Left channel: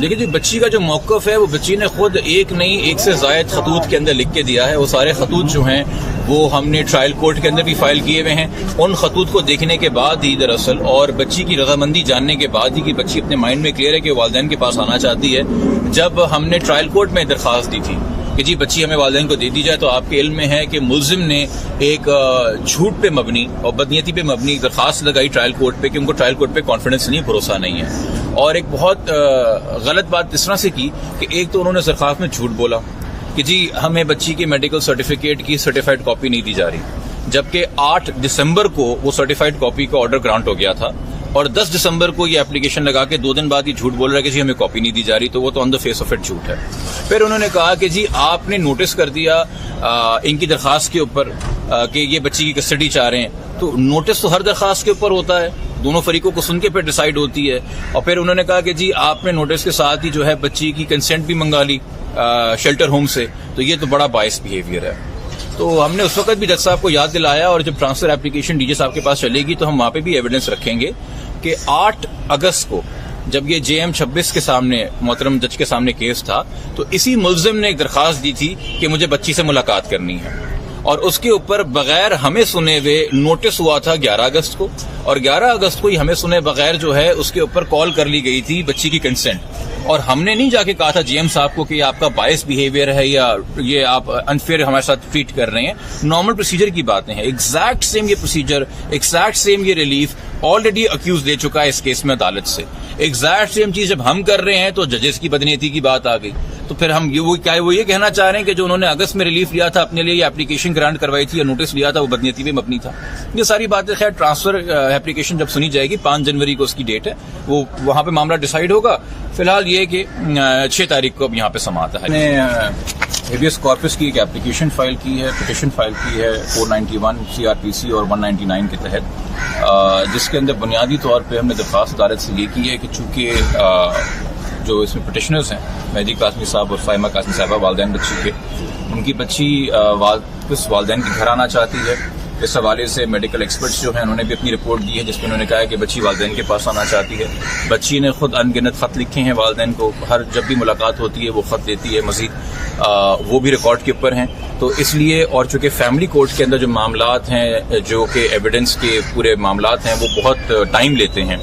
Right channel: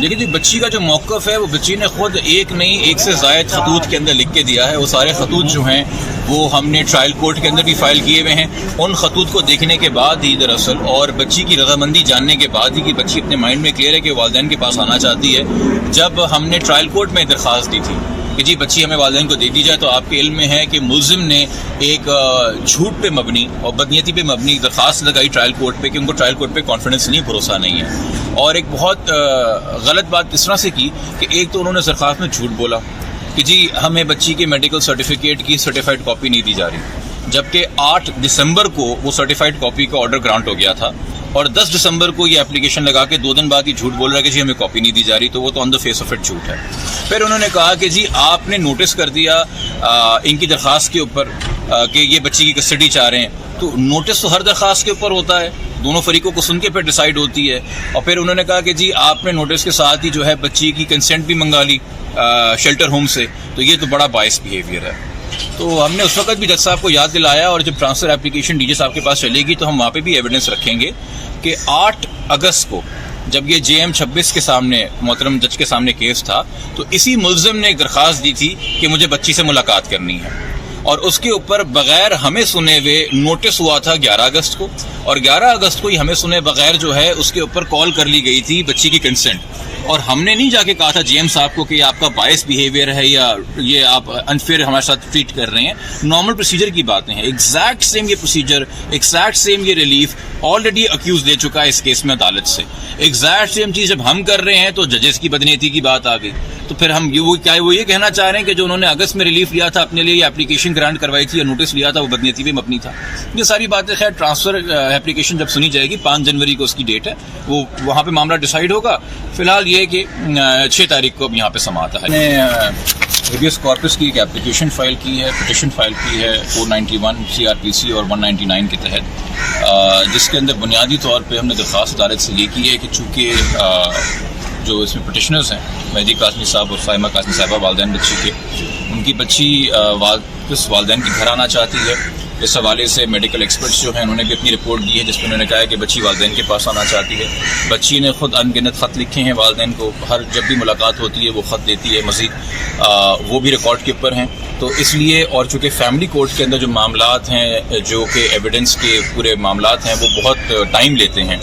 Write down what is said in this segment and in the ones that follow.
دیکھیے جی، بچی کا جو موقف ہے وہ بچی نے خود ایک نہیں ایک سے زائد خطوط کے اندر لکھ کے دیا ہے. وہ سارے خطوط جو ہیں وہ ہم نے ٹرائل کورٹ کے اندر بھی فائل کیے ہوئے ہیں. ان خطوط کو دیکھنے کے بعد ہی دراصل اور بچی کی رضامندی جاننے کے بعد ہی کہ بچی اپنے مائنڈ میں کلیئر ہے کہ والدین کے پاس آنا چاہتی ہے. جب ہم نے ٹرائل کورٹ میں درخواست دی تھی کہ جی بچی ہمیں والدین کو دے دی جائے، تو آپ کے علم میں ہے کہ ملزم نے ایک جھوٹ پہ مبنی اور بدنیتی پہ مبنی درخواست لگائی ٹرائل کورٹ پہ کہ ان کو ٹرائل کورٹ پہ کانفیڈنس نہیں، بھروسہ نہیں ہے. اور ایک بہت غلط بات اس طرح سے کی کہ ایک تو انہوں نے درخواست میں جھوٹ بولا کہ جی ہمیں بچی کے میڈیکل سرٹیفکیٹ کی سرٹیفائڈ کاپی نہیں دی جا رہی، جبکہ 8 دسمبر کو وہ سرٹیفائڈ کاپی کا آرڈر گرانٹ ہو گیا تھا اور 10 دسمبر کو یہ اپلیکیشن لگا کے 2 دن بعد یہ جھوٹ بول رہا ہے کہ جی ہمیں کاپی نہیں دی جا رہی. تو وہ تو آن دا فیس آف اٹ جھوٹ ہے. پھر انہوں نے کہا کہ جی آپ نے نوٹس کر دیا ان کی درخواست کے اوپر کہ یہ بچی کی کسٹڈی چاہ رہے ہیں. تو نوٹس تو ہر درخواست کے اوپر ہوتا ہے، دونوں فریقوں کو سن کے پھر ڈیسائیڈ ہوتی ہے. اور پھر انہوں نے کہا کہ جی آپ نے نوٹس کے ساتھ ہی جو ہے بچی کی کنسنٹ بھی منگا لی شیلٹر ہوم سے. تو یہ تو بڑا باعث بیہیویئر ہے. تو ہم نے اس وقت بھی جج صاحب کو یاد دلایا، اور جب ٹرانسفر اپلیکیشن ڈی جے صاحب کے پاس چلے گی تو ہم وہاں پہ بھی ایویڈنس رکھیں گے کہ 8 اگست کو جب یہ JM 26 کے سامنے محترم جج کے سامنے کیس تھا تو اسی ملزم نے ایک درخواست دی تھی کہ مجھے بچی سے ملاقات کرنی ہے، اور اس کے اوپر بغیر ہمیں سنے ہوئے نوٹس ہوا تھا 11 اگست کو، اور 11 اگست کو ہی ہمیں سنے بغیر جو ہے اس کے اوپر کال کر لی گئی تھی بچی کی کنسنٹ. اور ہم نے نہیں جا کے کہا تھا JM صاحب کو کہ یہ آپ کا باعث بیہیویئر ہے یا یہ آپ انفیئر ہمارے ساتھ ٹریٹ کر رہے ہیں. نارمل پروسیجر کی باتیں ہیں، ایگزیکٹ سیم یہ پروسیجر، ایگزیکٹ سیم یہ ریلیف آلریڈی اکیوز دے چکا ہے اس کیس میں عدالت سے. ایگزیکٹ سیم چیز جب ہم کر رہے ہیں تو ججز کی بدنیتی کی بات آ گئی. تو پھر ہم وہ یہ کہنا چاہ رہے ہیں کہ جو انہوں نے اگست میں ریلیف لیا تھا اپنے لیے یا اپلیکیشن گرانٹ کروائی تھی یا نوٹس لیا تھا وہ بدنیتی پہ مبنی تھا. یہ ساری باتیں خیر ٹرانسفر اپلیکیشن جب سنی جائے گی 5 جنوری کو اس کی ڈیٹ ہے، وہ وہاں پہ معاملہ ڈیسائیڈ ہوگا. فی الحال یہ کہ 6 تاریخ کو اب یہاں پہ سماعت ہے. ہیبیس کارپس کی ایک اپلیکیشن فائل کی ہے، پٹیشن فائل کی ہے 491 CRPC اور 199 کے تحت، جس کے اندر بنیادی طور پہ ہم نے درخواست عدالت سے یہ کی ہے کہ چونکہ جو اس میں پٹیشنرز ہیں مہدی قاسمی صاحب اور فائمہ قاسمی صاحبہ والدین بچی کے، ان کی بچی واپس والدین کے گھر آنا چاہتی ہے. اس حوالے سے میڈیکل ایکسپرٹس جو ہیں انہوں نے بھی اپنی رپورٹ دی ہے جس میں انہوں نے کہا ہے کہ بچی والدین کے پاس آنا چاہتی ہے. بچی نے خود ان گنت خط لکھے ہیں والدین کو، ہر جب بھی ملاقات ہوتی ہے وہ خط دیتی ہے مزید، وہ بھی ریکارڈ کے اوپر ہیں. تو اس لیے اور چونکہ فیملی کورٹ کے اندر جو معاملات ہیں جو کہ ایویڈنس کے پورے معاملات ہیں وہ بہت ٹائم لیتے ہیں،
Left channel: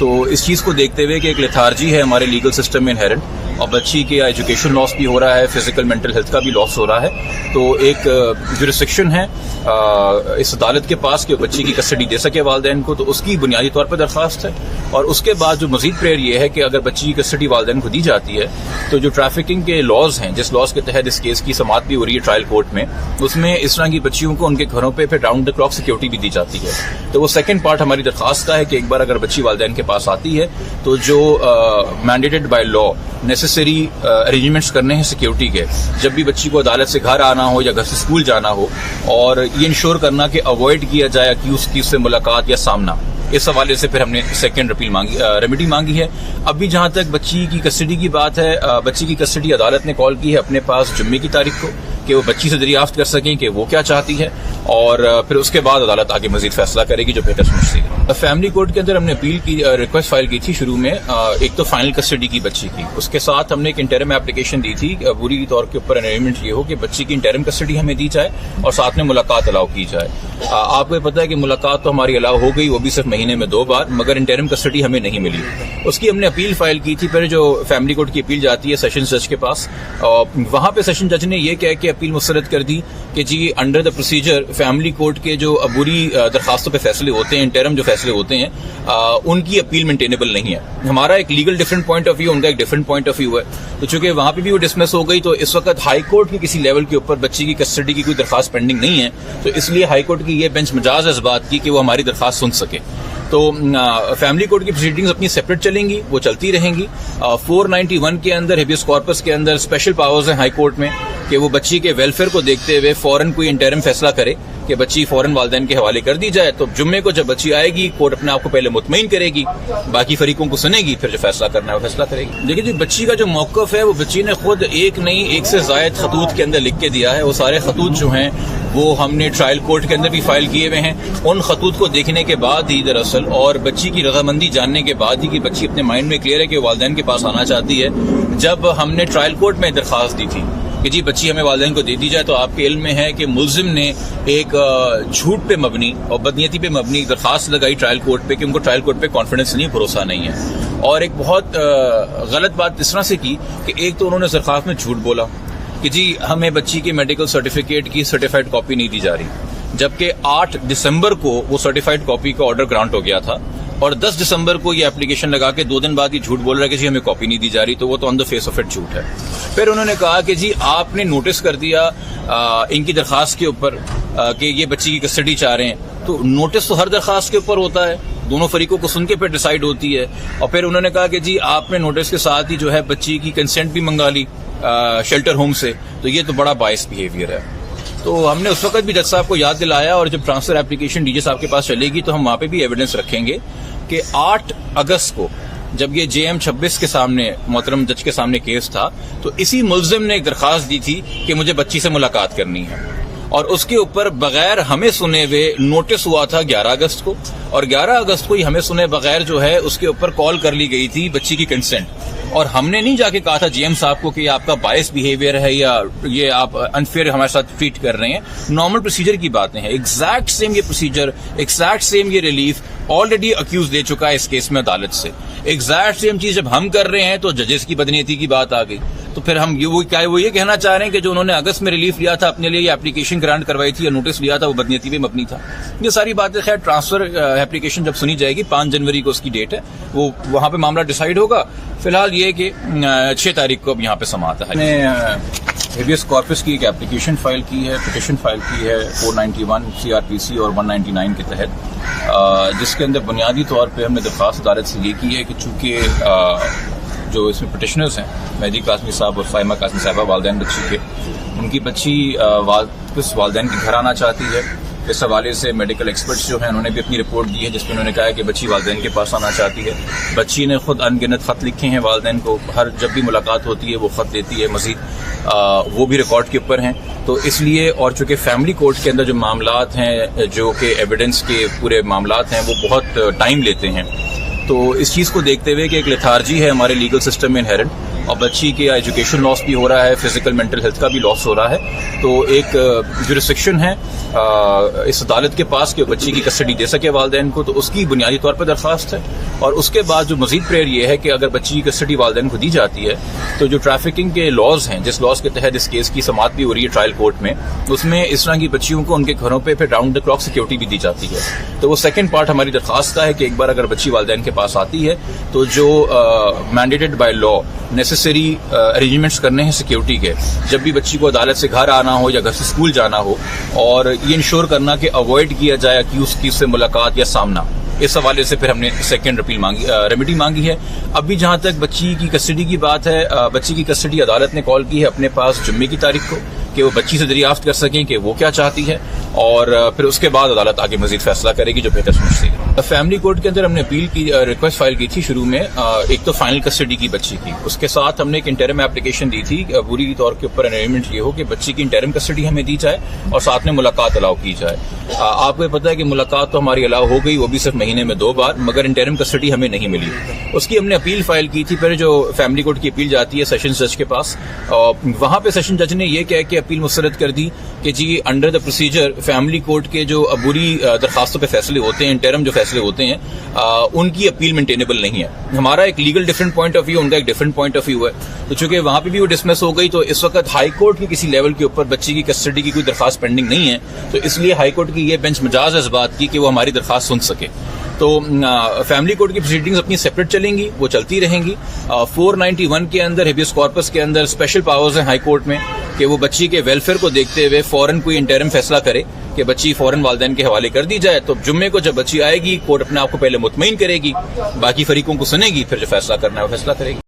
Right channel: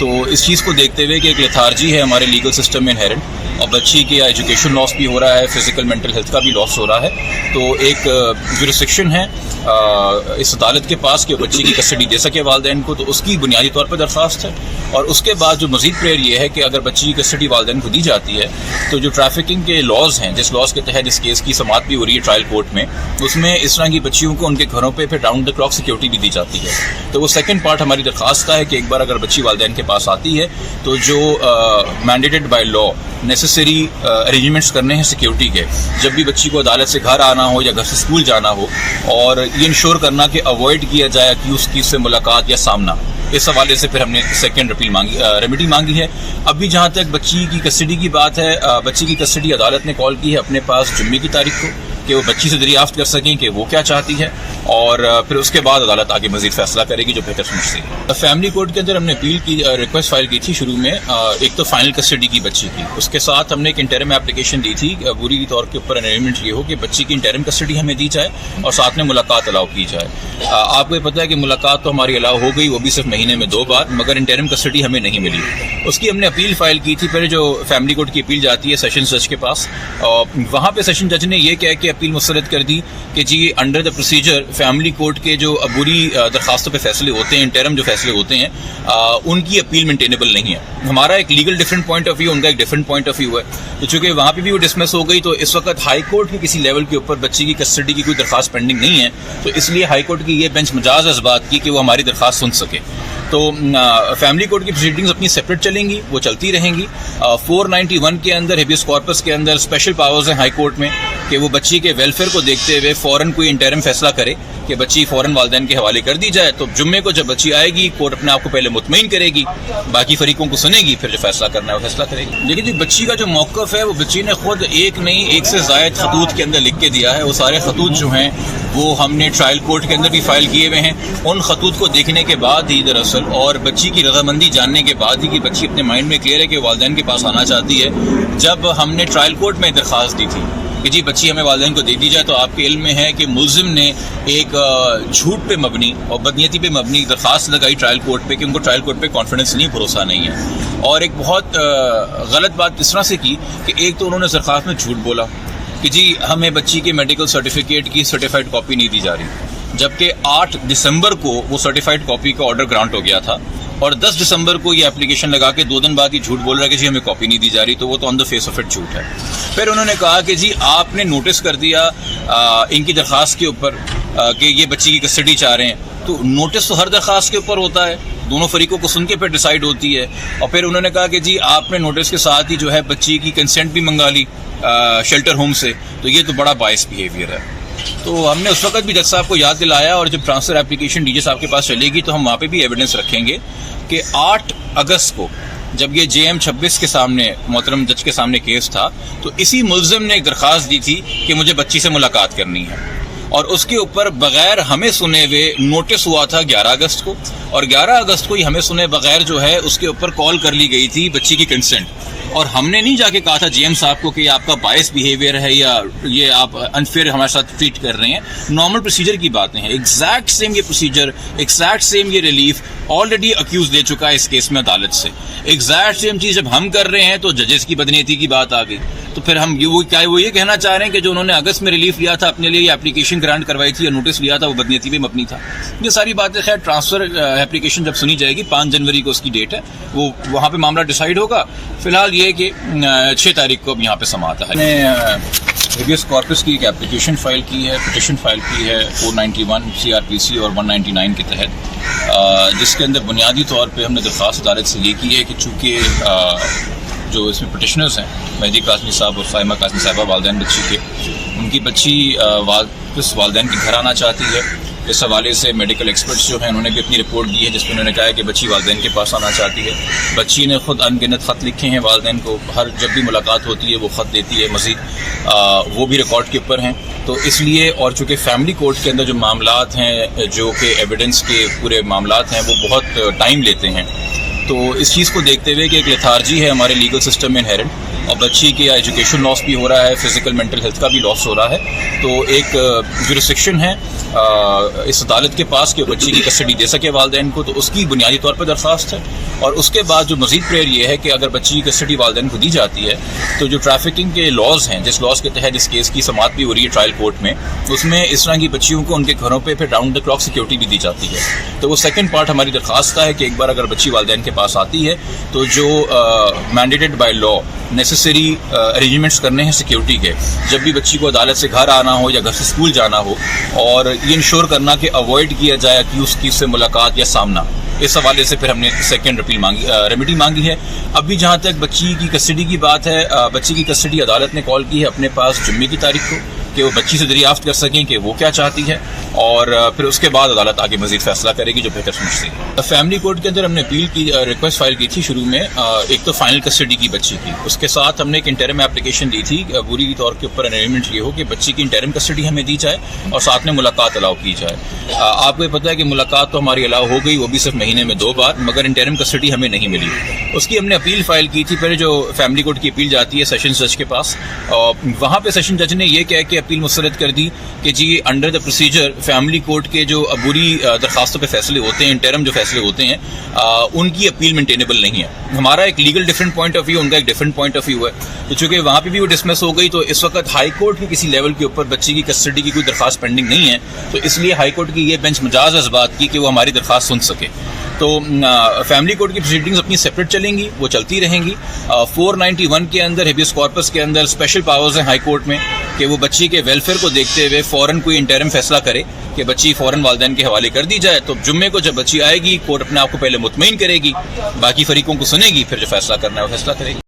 تو اس چیز کو دیکھتے ہوئے کہ ایک لیتھارجی ہے ہمارے لیگل سسٹم میں انہیرنٹ، اور بچی کے ایجوکیشن لاس بھی ہو رہا ہے، فزیکل مینٹل ہیلتھ کا بھی لاس ہو رہا ہے. تو ایک جورسڈکشن ہے اس عدالت کے پاس کہ بچی کی کسٹڈی دے سکے والدین کو، تو اس کی بنیادی طور پر درخواست ہے. اور اس کے بعد جو مزید پریئر یہ ہے کہ اگر بچی کی کسٹڈی والدین کو دی جاتی ہے تو جو ٹریفکنگ کے لاز ہیں، جس لاز کے تحت اس کیس کی سماعت بھی ہو رہی ہے ٹرائل کورٹ میں، اس میں اس طرح کی بچیوں کو ان کے گھروں پہ پھر راؤنڈ دا کلاک سیکورٹی بھی دی جاتی ہے. تو وہ سیکنڈ پارٹ ہماری درخواست کا ہے کہ ایک بار اگر بچی والدین کے پاس آتی ہے تو جو mandated by law necessary arrangements کرنے ہیں سیکیورٹی کے، جب بھی بچی کو عدالت سے گھر آنا ہو یا گھر سے اسکول جانا ہو، اور یہ انشور کرنا کہ اوائڈ کیا جائے اکیوز کی سے ملاقات یا سامنا. اس حوالے سے پھر ہم نے سیکنڈ ریمیڈی مانگی ہے. ابھی جہاں تک بچی کی کسٹڈی کی بات ہے، بچی کی کسٹڈی عدالت نے کال کی ہے اپنے پاس جمعے کی تاریخ کو کہ وہ بچی سے دریافت کر سکیں کہ وہ کیا چاہتی ہے، اور پھر اس کے بعد عدالت آگے مزید فیصلہ کرے گی جو بہتر سمجھتی ہے. فیملی کورٹ کے اندر ہم نے اپیل کی ریکویسٹ فائل کی تھی شروع میں، ایک تو فائنل کسٹڈی کی بچی کی، اس کے ساتھ ہم نے ایک انٹرم اپلیکیشن دی تھی پوری طور کے اوپر ارینجمنٹ یہ ہو کہ بچی کی انٹرم کسٹڈی ہمیں دی جائے اور ساتھ میں ملاقات الاؤ کی جائے. آپ کو پتہ ہے کہ ملاقات تو ہماری الاؤ ہو گئی، وہ بھی صرف مہینے میں 2 بار، مگر انٹرم کسٹڈی ہمیں نہیں ملی. اس کی ہم نے اپیل فائل کی تھی. پھر جو فیملی کورٹ کی اپیل جاتی ہے سیشن جج کے پاس، وہاں پہ سیشن جج نے یہ کہہ کے اپیل مسترد کر دی کہ جی under the procedure family court کے جو عبوری درخواستوں پہ فیصلے ہوتے ہیں، انٹرم جو فیصلے ہوتے ہیں، ان کی اپیل مینٹینیبل نہیں ہے. ہمارا ایک legal different point of view, ان کا ایک ڈفرینٹ پوائنٹ آف ویو ہے. تو چونکہ وہاں پہ بھی وہ ڈسمس ہو گئی تو اس وقت ہائی کورٹ کے کسی لیول کے اوپر بچی کی کسٹڈی کی کوئی درخواست پینڈنگ نہیں ہے، تو اس لیے ہائی کورٹ کی یہ بینچ مجاز ہے اس بات کی کہ وہ ہماری درخواست سن سکے. تو فیملی کورٹ کی پروسیڈنگز اپنی سیپریٹ چلیں گی، وہ چلتی رہیں گی. 491 کے اندر ہیبیس کارپس کے اندر اسپیشل پاورز ہیں ہائی کورٹ میں کہ وہ بچی کے ویلفیئر کو دیکھتے ہوئے فوراً کوئی انٹرم فیصلہ کرے کہ بچی فوراً والدین کے حوالے کر دی جائے، تو جمعے کو جب بچی آئے گی کورٹ اپنے آپ کو پہلے مطمئن کرے گی، باقی فریقوں کو سنے گی، پھر جو فیصلہ کرنا ہے وہ فیصلہ کرے گی۔ دیکھیے جی، بچی کا جو موقف ہے وہ بچی نے خود ایک نہیں ایک سے زائد خطوط کے اندر لکھ کے دیا ہے۔ وہ سارے خطوط جو ہیں وہ ہم نے ٹرائل کورٹ کے اندر بھی فائل کیے ہوئے ہیں۔ ان خطوط کو دیکھنے کے بعد ہی دراصل اور بچی کی رضامندی جاننے کے بعد ہی کہ بچی اپنے مائنڈ میں کلیئر ہے کہ والدین کے پاس آنا چاہتی ہے، جب ہم نے ٹرائل کورٹ میں درخواست دی تھی کہ جی بچی ہمیں والدین کو دے دی جائے، تو آپ کے علم میں ہے کہ ملزم نے ایک جھوٹ پہ مبنی اور بدنیتی پہ مبنی درخواست لگائی ٹرائل کورٹ پہ کہ ان کو ٹرائل کورٹ پہ کانفیڈنس نہیں، بھروسہ نہیں ہے، اور ایک بہت غلط بات اس طرح سے کی کہ ایک تو انہوں نے درخواست میں جھوٹ بولا کہ جی ہمیں بچی کے میڈیکل سرٹیفکیٹ کی سرٹیفائڈ کاپی نہیں دی جا رہی، جبکہ 8 دسمبر کو وہ سرٹیفائڈ کاپی کا آرڈر گرانٹ ہو گیا تھا، اور 10 دسمبر کو یہ اپلیکیشن لگا کے 2 دن بعد یہ جھوٹ بول رہا ہے کہ جی ہمیں کاپی نہیں دی جا رہی، تو وہ تو آن دا فیس آف اٹ جھوٹ ہے۔ پھر انہوں نے کہا کہ جی آپ نے نوٹس کر دیا ان کی درخواست کے اوپر کہ یہ بچی کی کسٹڈی چاہ رہے ہیں، تو نوٹس تو ہر درخواست کے اوپر ہوتا ہے، دونوں فریقوں کو سن کے پھر ڈیسائیڈ ہوتی ہے۔ اور پھر انہوں نے کہا کہ جی آپ نے نوٹس کے ساتھ ہی جو ہے بچی کی کنسنٹ بھی منگا لی شیلٹر ہوم سے، تو یہ تو بڑا باعث بیہیویئر ہے۔ تو ہم نے اس وقت بھی جج صاحب کو یاد دلایا، اور جب ٹرانسفر اپلیکیشن ڈی جے صاحب کے پاس چلے گی تو ہم وہاں پہ بھی ایویڈنس رکھیں گے کہ 8 اگست کو جب یہ JM 26 کے سامنے محترم جج کے سامنے کیس تھا، تو اسی ملزم نے ایک درخواست دی تھی کہ مجھے بچی سے ملاقات کرنی ہے، اور اس کے اوپر بغیر ہمیں سنے ہوئے نوٹس ہوا تھا 11 اگست کو، اور 11 اگست کو ہی ہمیں سنے بغیر جو ہے اس کے اوپر کال کر لی گئی تھی بچی کی کنسنٹ، اور ہم نے نہیں جا کے کہا تھا JM صاحب کو کہ یہ آپ کا باعث بیہیویئر ہے یا یہ آپ انفیئر ہمارے ساتھ ٹریٹ کر رہے ہیں۔ نارمل پروسیجر کی باتیں ہیں، ایگزیکٹ سیم یہ پروسیجر، ایگزیکٹ سیم یہ ریلیف آلریڈی اکیوز لے چکا ہے اس کیس میں عدالت سے۔ ایگزیکٹ سیم چیز جب ہم کر رہے ہیں تو ججز کی بدنیتی کی بات آ گئی، تو پھر ہم وہ یہ کہنا چاہ رہے ہیں کہ جو انہوں نے اگست میں ریلیف لیا تھا اپنے لیے، یا اپلیکیشن گرانٹ کروائی تھی یا نوٹس لیا تھا، وہ بدنیتی پہ مبنی تھا۔ یہ ساری باتیں خیر ٹرانسفر اپلیکیشن جب سنی جائے گی، 5 جنوری کو اس کی ڈیٹ ہے، وہ وہاں پہ معاملہ ڈیسائیڈ ہوگا۔ فی الحال یہ کہ 6 تاریخ کو اب یہاں پہ سماعت ہے۔ ہیبیس کارپس کی ایک اپلیکیشن فائل کی ہے، پٹیشن فائل کی ہے 491 CRPC اور 199 کے تحت، جس کے اندر بنیادی طور پہ ہم نے درخواست عدالت سے یہ کی ہے کہ چونکہ جو اس میں پٹیشنرز ہیں مہدی قاسمی صاحب اور فائمہ قاسمی صاحبہ، والدین بچی کے، ان کی بچی واپس والدین کے گھر آنا چاہتی ہے۔ اس حوالے سے میڈیکل ایکسپرٹس جو ہیں انہوں نے بھی اپنی رپورٹ دی ہے، جس میں انہوں نے کہا ہے کہ بچی والدین کے پاس آنا چاہتی ہے۔ بچی نے خود ان گنت خط لکھے ہیں والدین کو، ہر جب بھی ملاقات ہوتی ہے وہ خط دیتی ہے مزید، وہ بھی ریکارڈ کے اوپر ہیں۔ تو اس لیے، اور چونکہ فیملی کورٹ کے اندر جو معاملات ہیں، جو کہ ایویڈنس کے پورے معاملات ہیں، وہ بہت ٹائم لیتے ہیں، تو اس چیز کو دیکھتے ہوئے کہ ایک لیتھارجی ہے ہمارے لیگل سسٹم میں انہیرنٹ، اور بچی کے ایجوکیشن لاس بھی ہو رہا ہے، فزیکل مینٹل ہیلتھ کا بھی لاس ہو رہا ہے، تو ایک جورسڈکشن ہے اس عدالت کے پاس کہ بچی کی کسٹڈی دے سکے والدین کو، تو اس کی بنیادی طور پر درخواست ہے۔ اور اس کے بعد جو مزید پریئر یہ ہے کہ اگر بچی کی کسٹڈی والدین کو دی جاتی ہے تو جو ٹریفکنگ کے لاز ہیں، جس لاز کے تحت اس کیس کی سماعت بھی ہو رہی ہے ٹرائل کورٹ میں، اس میں اس طرح کی بچیوں کو ان کے گھروں پہ پھر راؤنڈ دا کلاک سیکورٹی بھی دی جاتی ہے۔ تو وہ سیکنڈ پارٹ ہماری درخواست کا ہے کہ ایک بار اگر بچی والدین کے پاس آتی ہے تو جو mandated by law necessary arrangements کرنے ہیں سیکیورٹی کے، جب بھی بچی کو عدالت سے گھر آنا ہو یا گھر سے اسکول جانا ہو، اور یہ انشور کرنا کہ اوائڈ کیا جائے ایکیوز کی سے ملاقات یا سامنا۔ اس حوالے سے پھر ہم نے سیکنڈ ریمیڈی مانگی ہے۔ ابھی جہاں تک بچی کی کسٹڈی کی بات ہے، بچی کی کسٹڈی عدالت نے کال کی ہے اپنے پاس جمعے کی تاریخ کو کہ وہ بچی سے دریافت کر سکیں کہ وہ کیا چاہتی ہے، اور پھر اس کے بعد عدالت آگے مزید فیصلہ کرے گی جو بہتر سمجھتی ہے۔ فیملی کورٹ کے اندر ہم نے اپیل کی، ریکویسٹ فائل کی تھی شروع میں، ایک تو فائنل کسٹڈی کی بچی کی، اس کے ساتھ ہم نے ایک انٹرم اپلیکیشن دی تھی پوری طور کے اوپر ارینجمنٹ یہ ہو کہ بچی کی انٹرم کسٹڈی ہمیں دی جائے اور ساتھ میں ملاقات الاؤ کی جائے۔ آپ کو پتہ ہے کہ ملاقات تو ہماری الاؤ ہو گئی، وہ بھی صرف مہینے میں 2 بار، مگر انٹرم کسٹڈی ہمیں نہیں ملی۔ اس کی ہم نے اپیل فائل کی تھی، پھر جو فیملی کورٹ کی اپیل جاتی ہے سیشن جج کے پاس، وہاں پہ سیشن جج نے یہ کہا کہ اپیل مسترد کر دی کہ جی under the procedure family court کے جو عبوری درخواستوں پہ فیصلے ہوتے ہیں، انٹرم جو فیصلے ہوتے ہیں، ان کی اپیل مینٹینیبل نہیں ہے۔ ہمارا ایک legal different point of view, ان کا ایک ڈفرینٹ پوائنٹ آف ویو ہے، تو چونکہ وہاں پہ بھی وہ ڈسمس ہو گئی، تو اس وقت ہائی کورٹ کے کسی لیول کے اوپر بچی کی کسٹڈی کی کوئی درخواست پینڈنگ نہیں ہے، تو اس لیے ہائی کورٹ کی یہ بینچ مجاز ہے اس بات کی کہ وہ ہماری درخواست سن سکے۔ تو فیملی کورٹ کی پروسیڈنگز اپنی سیپریٹ چلیں گی، وہ چلتی رہیں گی۔ 491 کے اندر ہیبیس کارپس کے اندر اسپیشل پاورز ہیں ہائی کورٹ میں کہ وہ بچی کے ویلفیئر کو دیکھتے ہوئے فوراً کوئی انٹرم فیصلہ کرے کہ بچی فوراً والدین کے حوالے کر دی جائے، تو جمعے کو جب بچی آئے گی کورٹ اپنے آپ کو پہلے مطمئن کرے گی، باقی فریقوں کو سنے گی، پھر جو فیصلہ کرنا ہے وہ فیصلہ کرے گی۔